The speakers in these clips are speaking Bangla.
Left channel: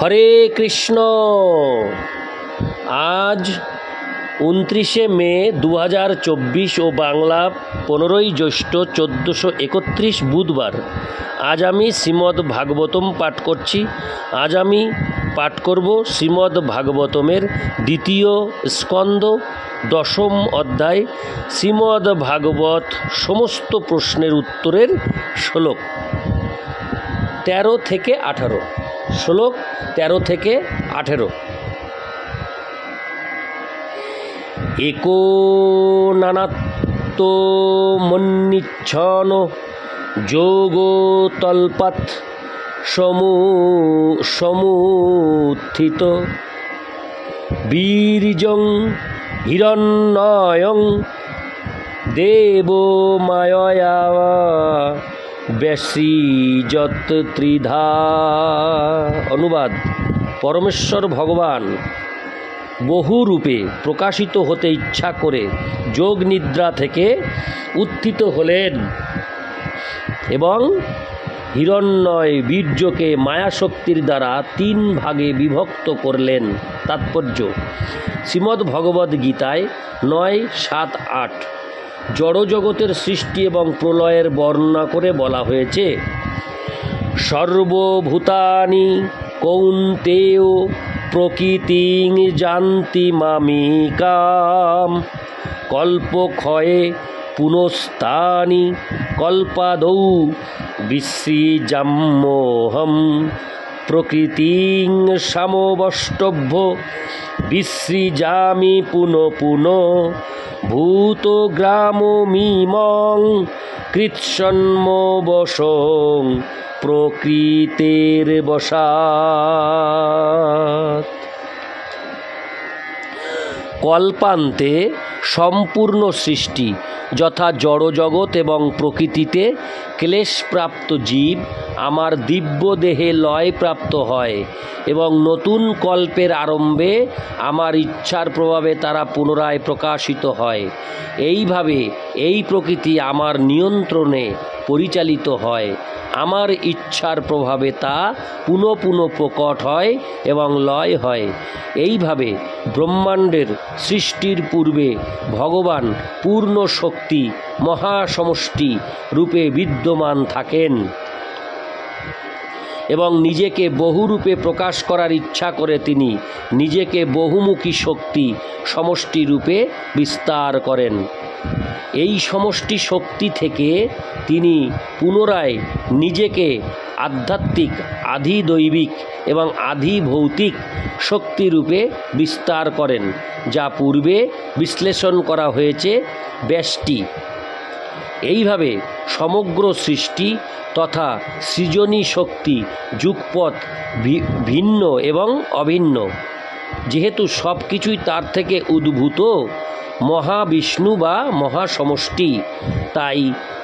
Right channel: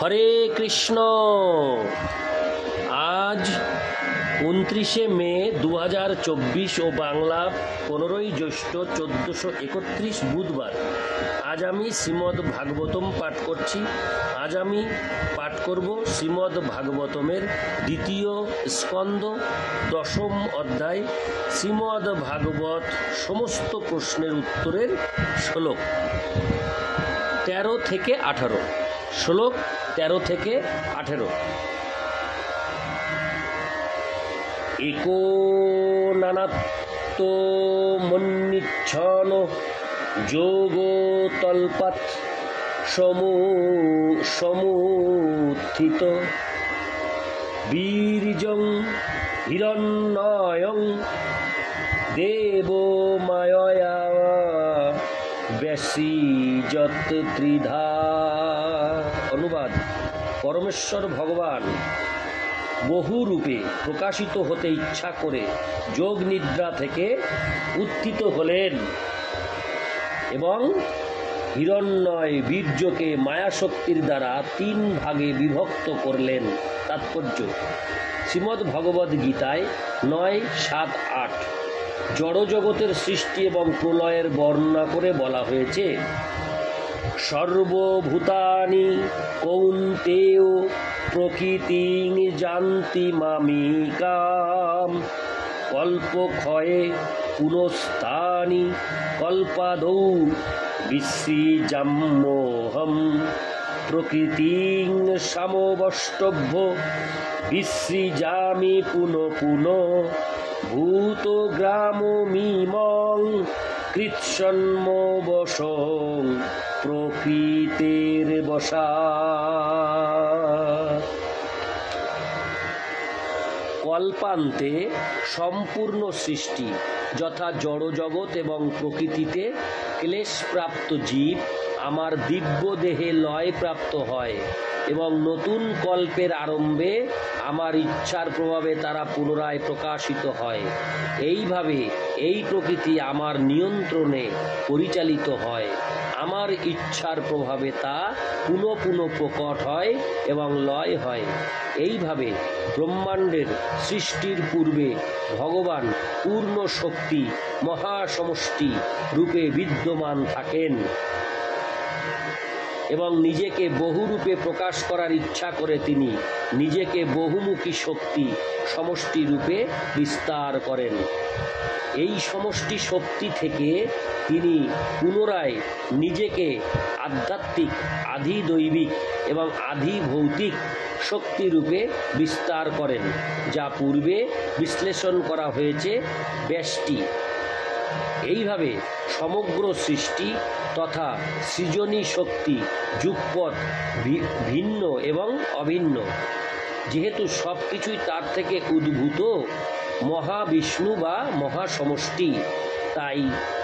হরে কৃষ্ণ। আজ 29শে মে 2024 ও বাংলা 15ই জ্যৈষ্ঠ 1431 বুধবার। আজ আমি শ্রীমদ্ ভাগবতম পাঠ করছি। আজ আমি পাঠ করব শ্রীমদ্ ভাগবতমের দ্বিতীয় স্কন্দ 10ম অধ্যায় শ্রীমদ্ ভাগবত সমস্ত প্রশ্নের উত্তরের শ্লোক 13 থেকে 18। শ্লোক 13 থেকে 18। एको नानात्तो मन्निच्छन जोगो तल्पत समुत्थित बीर्जं हिरण्मयं देवो मायया बेसीजत त्रिधा। अनुवाद। परमेश्वर भगवान বহু রূপে প্রকাশিত হতে ইচ্ছা করে যোগ নিদ্রা থেকে উত্থিত হলেন এবং হিরণ্ময় বীর্যকে মায়াশক্তির দ্বারা 3 ভাগে বিভক্ত করলেন। তাৎপর্য: শ্রীমদ্ ভগবদ্ গীতায় 9, 7, 8 জড়জগতের সৃষ্টি এবং প্রলয়ের বর্ণনা করে বলা হয়েছে, সর্বভূতানি কৌন্তেয় প্রকৃতিং জানতি মামিকাম কল্পক্ষয়ে পুনস্তানি কল্পাদৌ বিসৃজাম্যহম প্রকৃতিং সমবষ্টভ্য বিসৃজামি পুনঃ ভূতগ্রামমিমং কৃৎসন্মবশং প্রকৃতের বশাৎ। কল্পান্তে সম্পূর্ণ সৃষ্টি যথা জড়জগৎ এবং প্রকৃতিতে ক্লেশপ্রাপ্ত জীব আমার দিব্য দেহে লয়প্রাপ্ত হয় এবং নতুন কল্পের আরম্ভে আমার ইচ্ছার প্রভাবে তারা পুনরায় প্রকাশিত হয়। এইভাবে এই প্রকৃতি আমার নিয়ন্ত্রণে পরিচালিত হয়। আমার ইচ্ছার প্রভাবে তা পুনঃ প্রকট হয় এবং লয় হয়। এইভাবে ব্রহ্মাণ্ডের সৃষ্টির পূর্বে ভগবান পূর্ণ শক্তি মহাসমষ্টি রূপে বিদ্যমান থাকেন এবং নিজেকে বহুরূপে প্রকাশ করার ইচ্ছা করে তিনি নিজেকে বহুমুখী শক্তি সমষ্টি রূপে বিস্তার করেন। এই সমষ্টি শক্তি থেকে তিনি পুনরায় নিজেকে আধ্যাত্মিক, আধিদৈবিক এবং আধিভৌতিক শক্তিরূপে বিস্তার করেন, যা পূর্বে বিশ্লেষণ করা হয়েছে ব্যষ্টি। এইভাবে সমগ্র সৃষ্টি তথা সৃজনী শক্তি যুগপৎ ভিন্ন এবং অভিন্ন। যেহেতু সব কিছুই তার থেকে উদ্ভূত মহাবিষ্ণু বা মহাসমষ্টি, তাই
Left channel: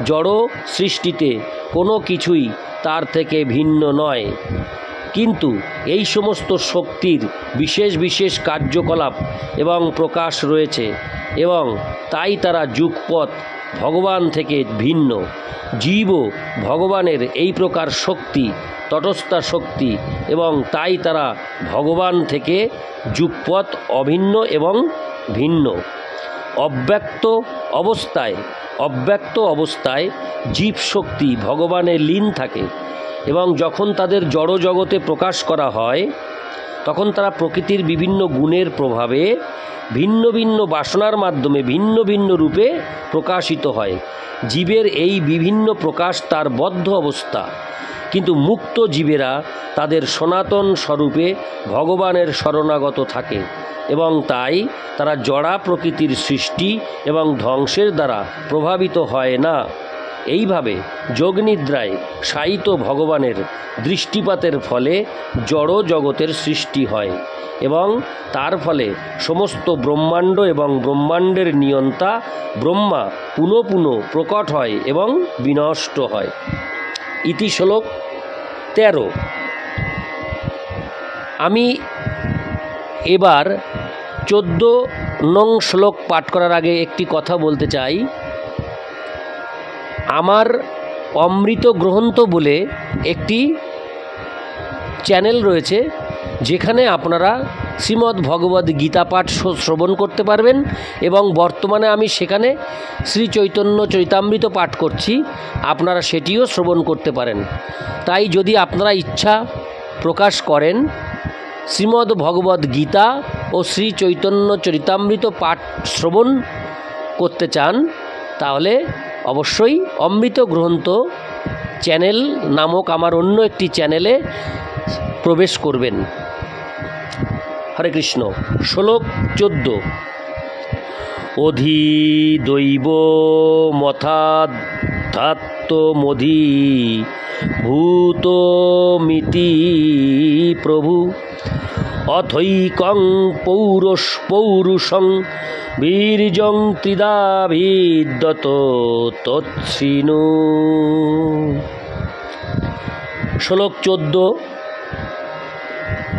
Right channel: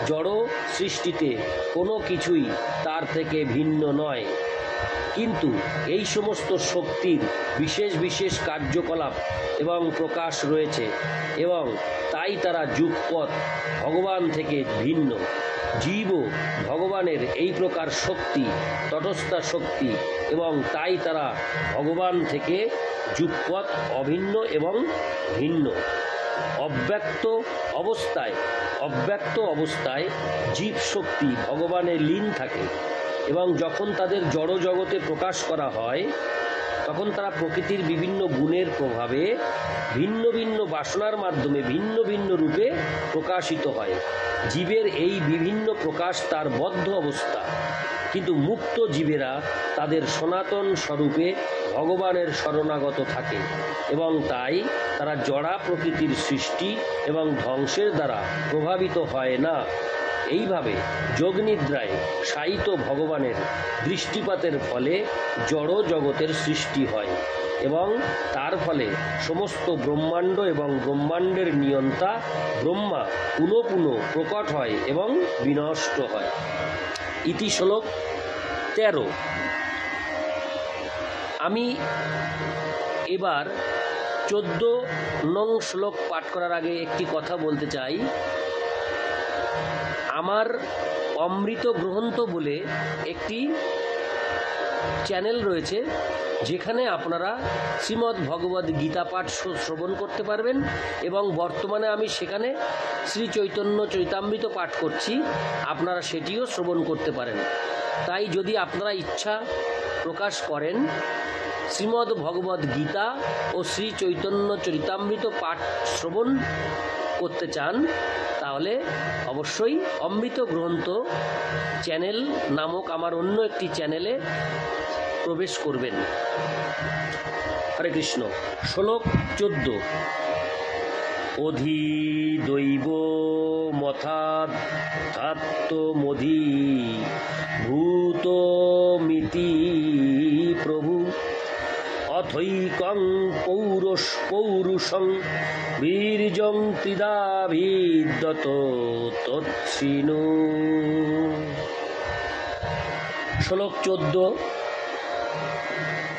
জড় সৃষ্টিতে কোনো কিছুই তার থেকে ভিন্ন নয়। কিন্তু এই সমস্ত শক্তির বিশেষ বিশেষ কার্যকলাপ এবং প্রকাশ রয়েছে এবং তাই তারা যুগপৎ ভগবান থেকে ভিন্ন। জীবও ভগবানের এই প্রকার শক্তি, তটস্থা শক্তি, এবং তাই তারা ভগবান থেকে যুগপৎ অভিন্ন এবং ভিন্ন। অব্যক্ত অবস্থায় জীব শক্তি ভগবানে লীন থাকে এবং যখন তাদের জড় জগতে প্রকাশ করা হয় তখন তারা প্রকৃতির বিভিন্ন গুণের প্রভাবে ভিন্ন ভিন্ন বাসনার মাধ্যমে ভিন্ন ভিন্ন রূপে প্রকাশিত হয়। জীবের এই বিভিন্ন প্রকাশ তার বদ্ধ অবস্থা, কিন্তু মুক্ত জীবেরা তাদের সনাতন স্বরূপে ভগবানের শরণাগত থাকে এবং তাই তারা জড়া প্রকৃতির সৃষ্টি এবং ধ্বংসের দ্বারা প্রভাবিত হয় না। এইভাবে যোগনিদ্রায় শায়িত ভগবানের দৃষ্টিপাতের ফলে জড় জগতের সৃষ্টি হয় এবং তার ফলে সমস্ত ব্রহ্মাণ্ড এবং ব্রহ্মাণ্ডের নিয়ন্তা ব্রহ্মা পুনঃ প্রকট হয় এবং বিনষ্ট হয়। ইতি শ্লোক 13। আমি এবার 14 নং শ্লোক পাঠ করার আগে একটি কথা বলতে চাই। আমার অমৃত গ্রন্থ বলে একটি চ্যানেল রয়েছে, যেখানে আপনারা শ্রীমদ্ ভগবদ্ গীতা পাঠ শ্রবণ করতে পারবেন। এবং বর্তমানে আমি সেখানে শ্রী চৈতন্য চরিতামৃত পাঠ করছি, আপনারা সেটিও শ্রবণ করতে পারেন। তাই যদি আপনারা ইচ্ছা প্রকাশ করেন শ্রীমদ্ ভগবদ্ গীতা ও শ্রী চৈতন্য চরিতামৃত পাঠ শ্রবণ করতে চান, তাহলে অবশ্যই অমৃত গ্রন্থ চ্যানেল নামক আমার অন্য একটি চ্যানেলে প্রবেশ করবেন। হরে কৃষ্ণ। শ্লোক 14। অধি দৈব মথাধ্যাত্মমধি ভূতমিতি প্রভু অথৈকং পৌরুষং বীর্যং ত্রিদাভিদ্যত তৎসিনু। শ্লোক 14।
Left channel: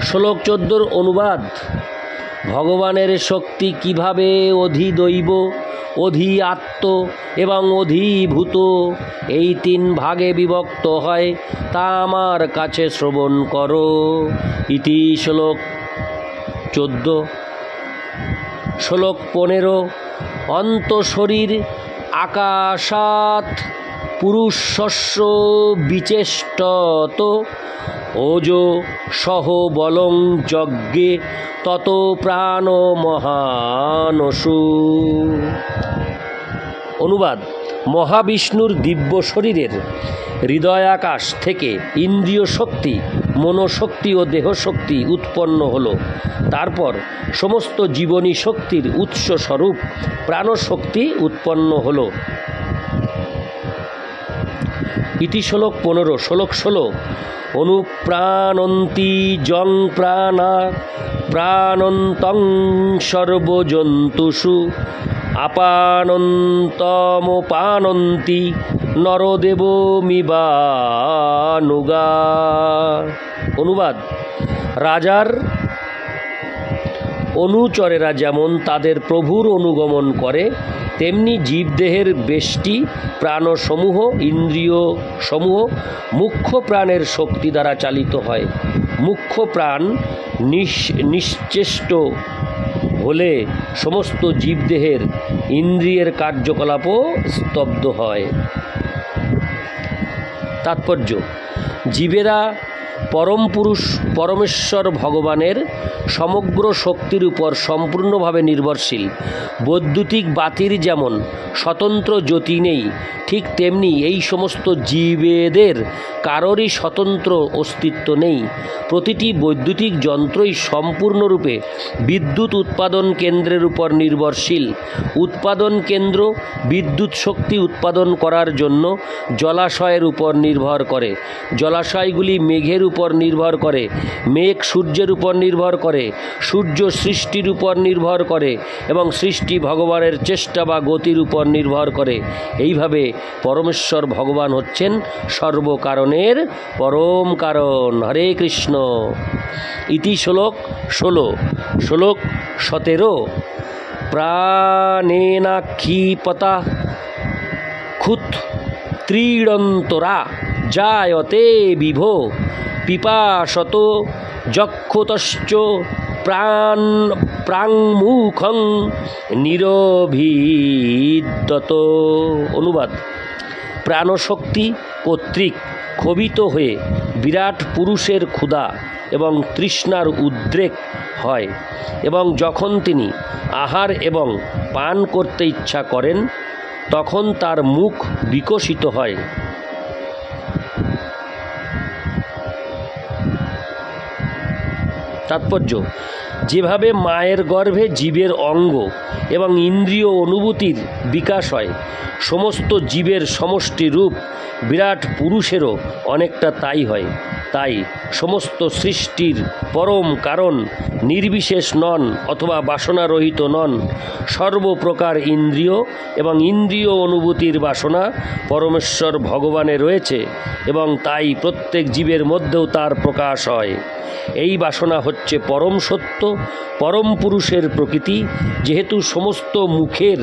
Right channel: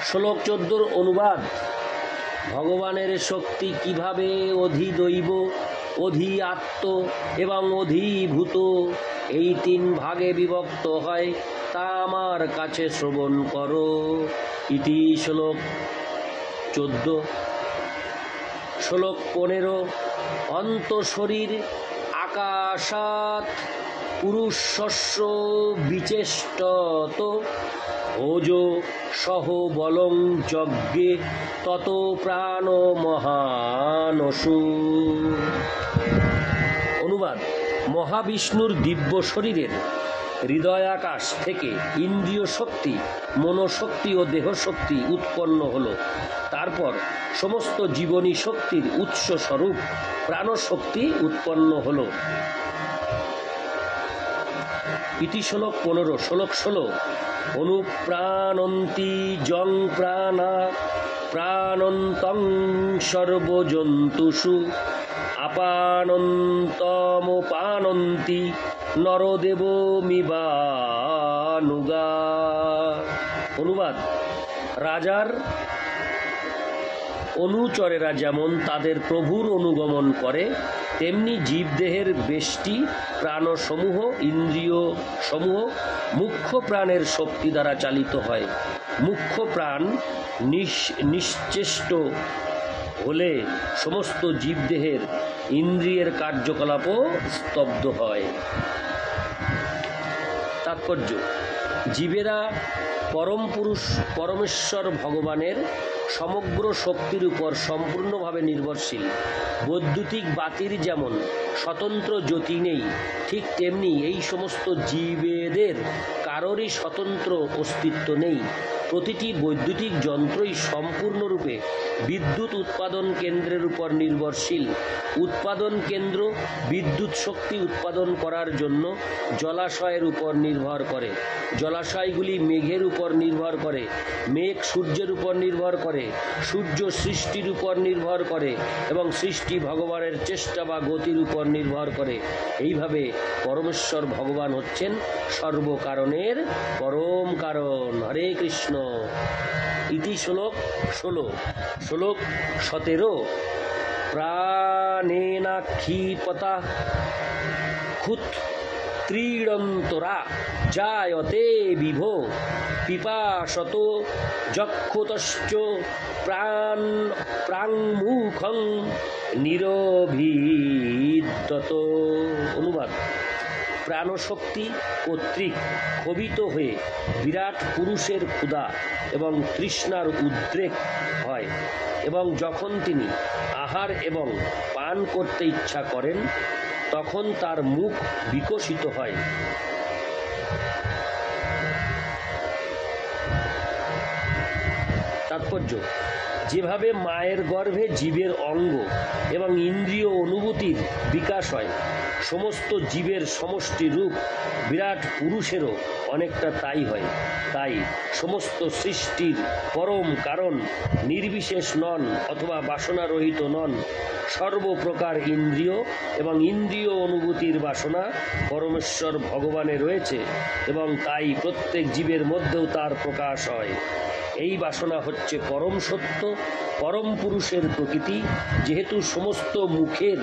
শ্লোক 14 অনুবাদ। ভগবানের শক্তি কিভাবে অধিদৈব, অধি আত্ম এবং অধিভূত এই 3 ভাগে বিভক্ত হয় তা আমার কাছে শ্রবণ করো। ইতি শ্লোক 14। শ্লোক 15। অন্তঃশরীর আকাশাৎ পুরুষস্য বিচেষ্টত ওজো সহ বলং যজ্ঞে তত প্রাণ মহানসু। অনুবাদ। মহাবিষ্ণুর দিব্য শরীরের হৃদয়াকাশ থেকে ইন্দ্রিয় শক্তি, মনোশক্তি ও দেহশক্তি উৎপন্ন হল। তারপর সমস্ত জীবনী শক্তির উৎস স্বরূপ প্রাণশক্তি উৎপন্ন হল। ইতি শ্লোক 15। শ্লোক 16। অনুপ্রাণন্তি জং প্রাণা প্রাণন্তং সর্বজন্তুষু আপানন্তমোপানন্তি নরদেবমিবানুগা। অনুবাদ। রাজার অনুচরেরা যেমন তাদের প্রভুর অনুগমন করে, তেমনি জীবদেহের বেষ্টি প্রাণসমূহ, ইন্দ্রিয় সমূহ মুখ্য প্রাণের শক্তি দ্বারা চালিত হয়। মুখ্য প্রাণ নিশ্চেষ্ট হলে সমস্ত জীবদেহের ইন্দ্রিয়ের কার্যকলাপও স্তব্ধ হয়। তাৎপর্য। জীবেরা পরম পুরুষ পরমেশ্বর ভগবানের সমগ্র শক্তির উপর সম্পূর্ণভাবে নির্ভরশীল। বৈদ্যুতিক বাতির যেমন স্বতন্ত্র জ্যোতি নেই, ঠিক তেমনি এই সমস্ত জীবেদের কারোরই স্বতন্ত্র অস্তিত্ব নেই। প্রতিটি বৈদ্যুতিক যন্ত্রই সম্পূর্ণরূপে বিদ্যুৎ উৎপাদন কেন্দ্রের উপর নির্ভরশীল। উৎপাদন কেন্দ্র বিদ্যুৎ শক্তি উৎপাদন করার জন্য জলাশয়ের উপর নির্ভর করে। জলাশয়গুলি মেঘের উপর নির্ভর করে। মেঘ সূর্যের উপর নির্ভর করে। সূর্য সৃষ্টির উপর নির্ভর করে এবং সৃষ্টি ভগবানের চেষ্টা বা গতির উপর নির্ভর করে। এইভাবে পরমেশ্বর ভগবান হচ্ছেন সর্বকারণের পরম কারণ। হরে কৃষ্ণ। ইতি শ্লোক 16। শ্লোক 17। প্রাণেনাক্ষিপতা ক্ষুত ত্রীড়ন্তরা জায়তে বিভো পিপাসত যক্ষুতশ্চ প্রাংমুখং নিরভিদ্যত। অনুবাদ। প্রাণশক্তি কর্তৃক ক্ষোভিত হয়ে বিরাট পুরুষের ক্ষুধা এবং তৃষ্ণার উদ্রেক হয় এবং যখন তিনি আহার এবং পান করতে ইচ্ছা করেন তখন তার মুখ বিকশিত হয়। তাৎপর্য। যেভাবে মায়ের গর্ভে জীবের অঙ্গ এবং ইন্দ্রিয় অনুভূতির বিকাশ হয়, সমস্ত জীবের সমষ্টি রূপ বিরাট পুরুষেরও অনেকটা তাই হয়। তাই সমস্ত সৃষ্টির পরম কারণ নির্বিশেষ নন অথবা বাসনারহিত নন। সর্বপ্রকার ইন্দ্রিয় এবং ইন্দ্রিয় অনুভূতির বাসনা পরমেশ্বর ভগবানে রয়েছে এবং তাই প্রত্যেক জীবের মধ্যেও তার প্রকাশ হয়। এই বাসনা হচ্ছে পরম সত্য, পরম পুরুষের প্রকৃতি। যেহেতু সমস্ত মুখের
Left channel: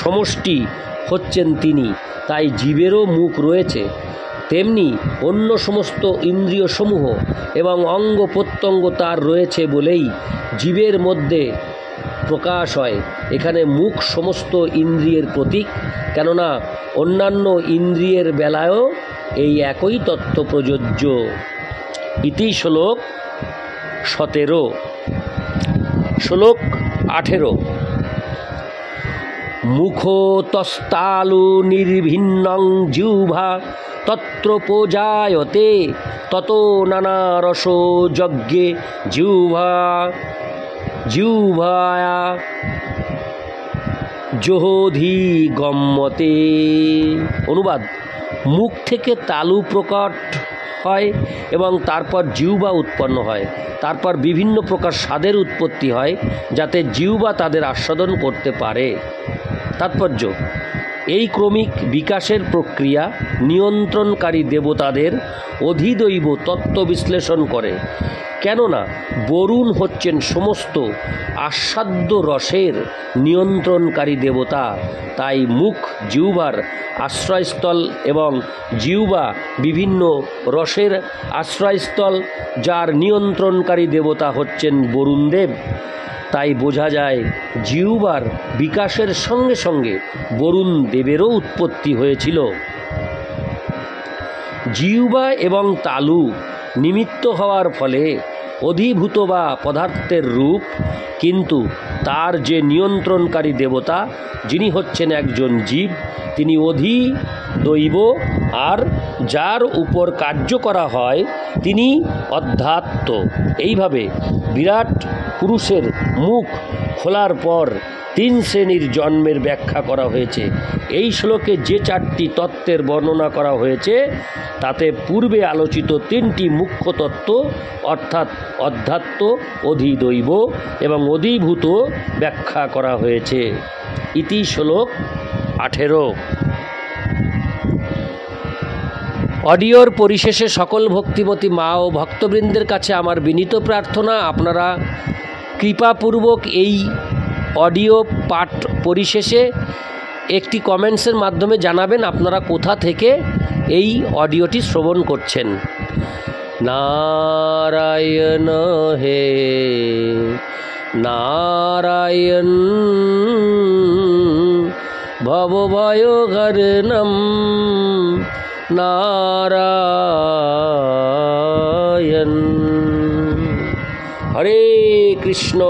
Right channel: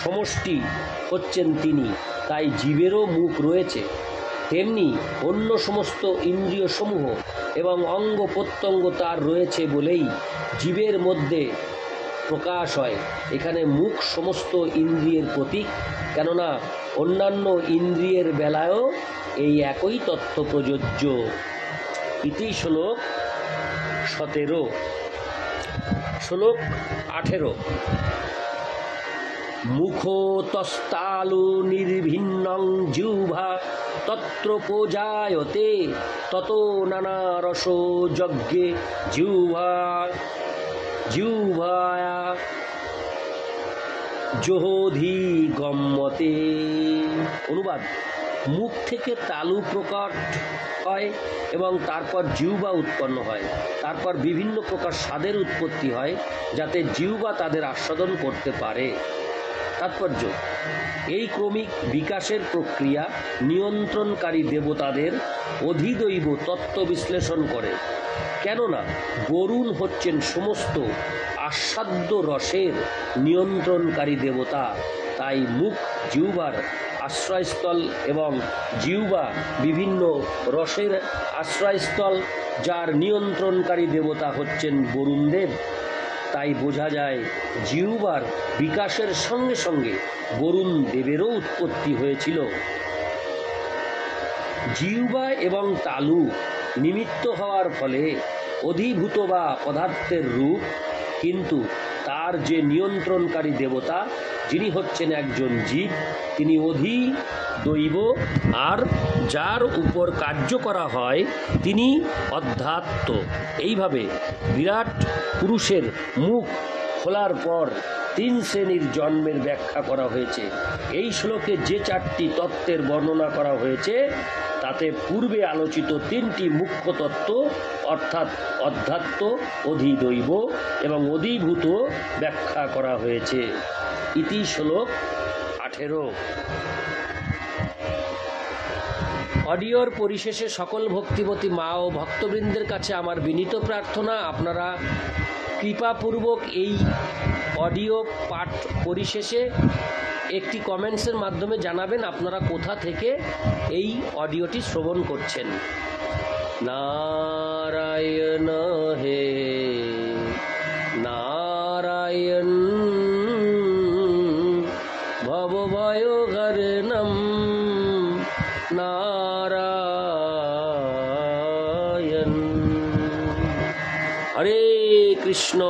সমষ্টি হচ্ছেন তিনি, তাই জীবেরও মুখ রয়েছে। তেমনি অন্য সমস্ত ইন্দ্রিয়সমূহ এবং অঙ্গ প্রত্যঙ্গ তার রয়েছে বলেই জীবের মধ্যে প্রকাশ হয়। এখানে মুখ সমস্ত ইন্দ্রিয়ের প্রতীক, কেননা অন্যান্য ইন্দ্রিয়ের বেলায়ও এই একই তত্ত্ব প্রযোজ্য। ইতি শ্লোক 17। শ্লোক 18। মুখতস্তালু নির্ভিন্নং জিহ্বা তত্র পূজায়তে ততো নানা রসো যজ্ঞে জিহ্বায়া জোহধি গম্যতে। অনুবাদ: মুখ থেকে তালু প্রকট হয় এবং তারপর জিহ্বা উৎপন্ন হয়, তারপর বিভিন্ন প্রকার স্বাদের উৎপত্তি হয় যাতে জিহ্বা তাদের আস্বাদন করতে পারে। তাৎপর্য: এই ক্রমিক বিকাশের প্রক্রিয়া নিয়ন্ত্রণকারী দেবতাদের অধিদৈব তত্ত্ব বিশ্লেষণ করে, কেননা বরুণ হচ্ছেন সমস্ত আস্বাদ্য রসের নিয়ন্ত্রণকারী দেবতা। তাই মুখ জিহ্বার আশ্রয়স্থল এবং জিহ্বা বিভিন্ন রসের আশ্রয়স্থল, যার নিয়ন্ত্রণকারী দেবতা হচ্ছেন বরুণদেব। তাই বোঝা যায় জিহ্বার বিকাশের সঙ্গে সঙ্গে বরুণ দেবেরও উৎপত্তি হয়েছিল। জিহ্বা এবং তালু নিমিত্ত হওয়ার ফলে অধিভূত বা পদার্থের রূপ, কিন্তু তার যে নিয়ন্ত্রণকারী দেবতা, যিনি হচ্ছেন একজন জীব, তিনি অধিদৈব, আর যার উপর কার্য করা হয় তিনি অধ্যাত্ম। এইভাবে বিরাট পুরুষের মুখ খোলার পর 3 শ্রেণীর জন্মের ব্যাখ্যা করা হয়েছে। এই শ্লোকে যে 4টি তত্ত্বের বর্ণনা করা হয়েছে তাতে পূর্বে আলোচিত 3টি মুখ্য তত্ত্ব অর্থাৎ অধ্যাত্ম, অধিদৈব এবং অধিভূত ব্যাখ্যা করা হয়েছে। ইতি শ্লোক 18। অডিওর পরিশেষে সকল ভক্তিমতী মা ও ভক্তবৃন্দের কাছে আমার বিনীত প্রার্থনা, আপনারা কৃপাপূর্বক এই অডিও পাঠ পরিশেষে একটি কমেন্টসের মাধ্যমে জানাবেন আপনারা কোথা থেকে এই অডিওটি শ্রবণ করছেন। নারায়ণ হে নারায়ণ ভবভয়হরণম নারায়ণ। হরে কৃষ্ণ।